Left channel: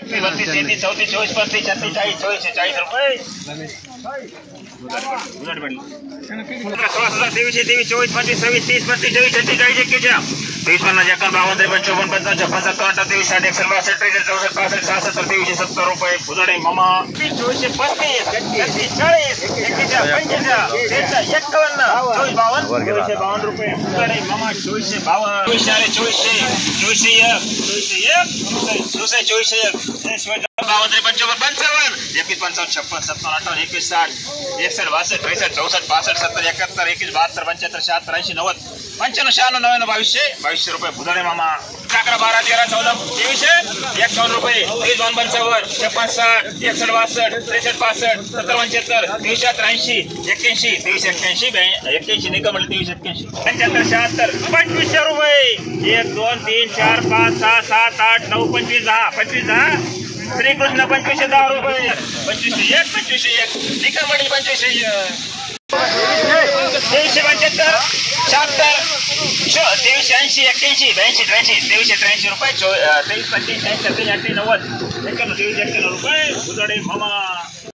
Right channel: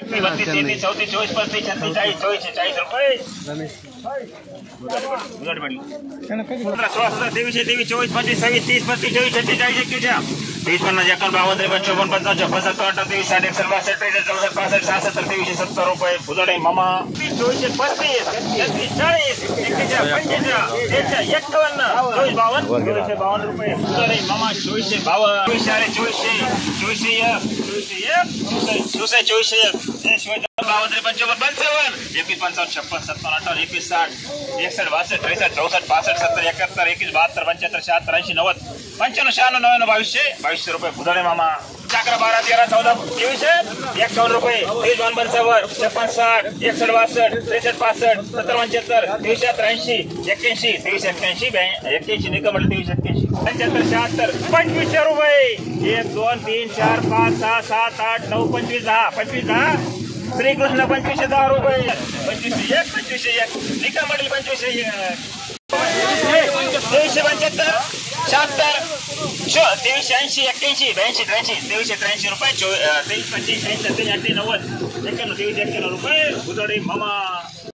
32, 33, 34, 34, 35, 40, 40 रुपये. 16, 23, 24, 25, 26, 30, 32, 24, 36, 41, 23, 50, 51, 52, 53, 54, 55, 56, 60, 61, 62, 63, 64, 65, 66, 23, 70 रुपये. बुधाडे मामा 24, 35, 36, 40, 41, 52, 52 रुपये. बुधाडे मामा 24, 52, 24, 54, 55, 51, 55, 56, 57, 58, 21, 60, 61, 62, 63, 64, 65, 70, 71, 21, 72, 75, 76, 80, 90, 95, 96, 99, 2200 रुपये. बुधाडे मामा 11, 12, 13, 14, 21 रुपये. 23, 55, 56, 60, 61, 62, 63, 65, 70, 75, 80, 81, 81, 81, निकम 81, 75, 76, 2500 रुपये. 1, 2, 3, 4, 5, 6, 7, 8, 9, 25, 10, 25, 10. श्रीकृष्ण 25, 10 रुपये. 25, 1, 25, 1, निकम 25, 23, 75, 76, 23, 80, 81, 82, 83, 83 रुपये. 23, 25, 80, 90, 91 रुपये. बुधाडे मामा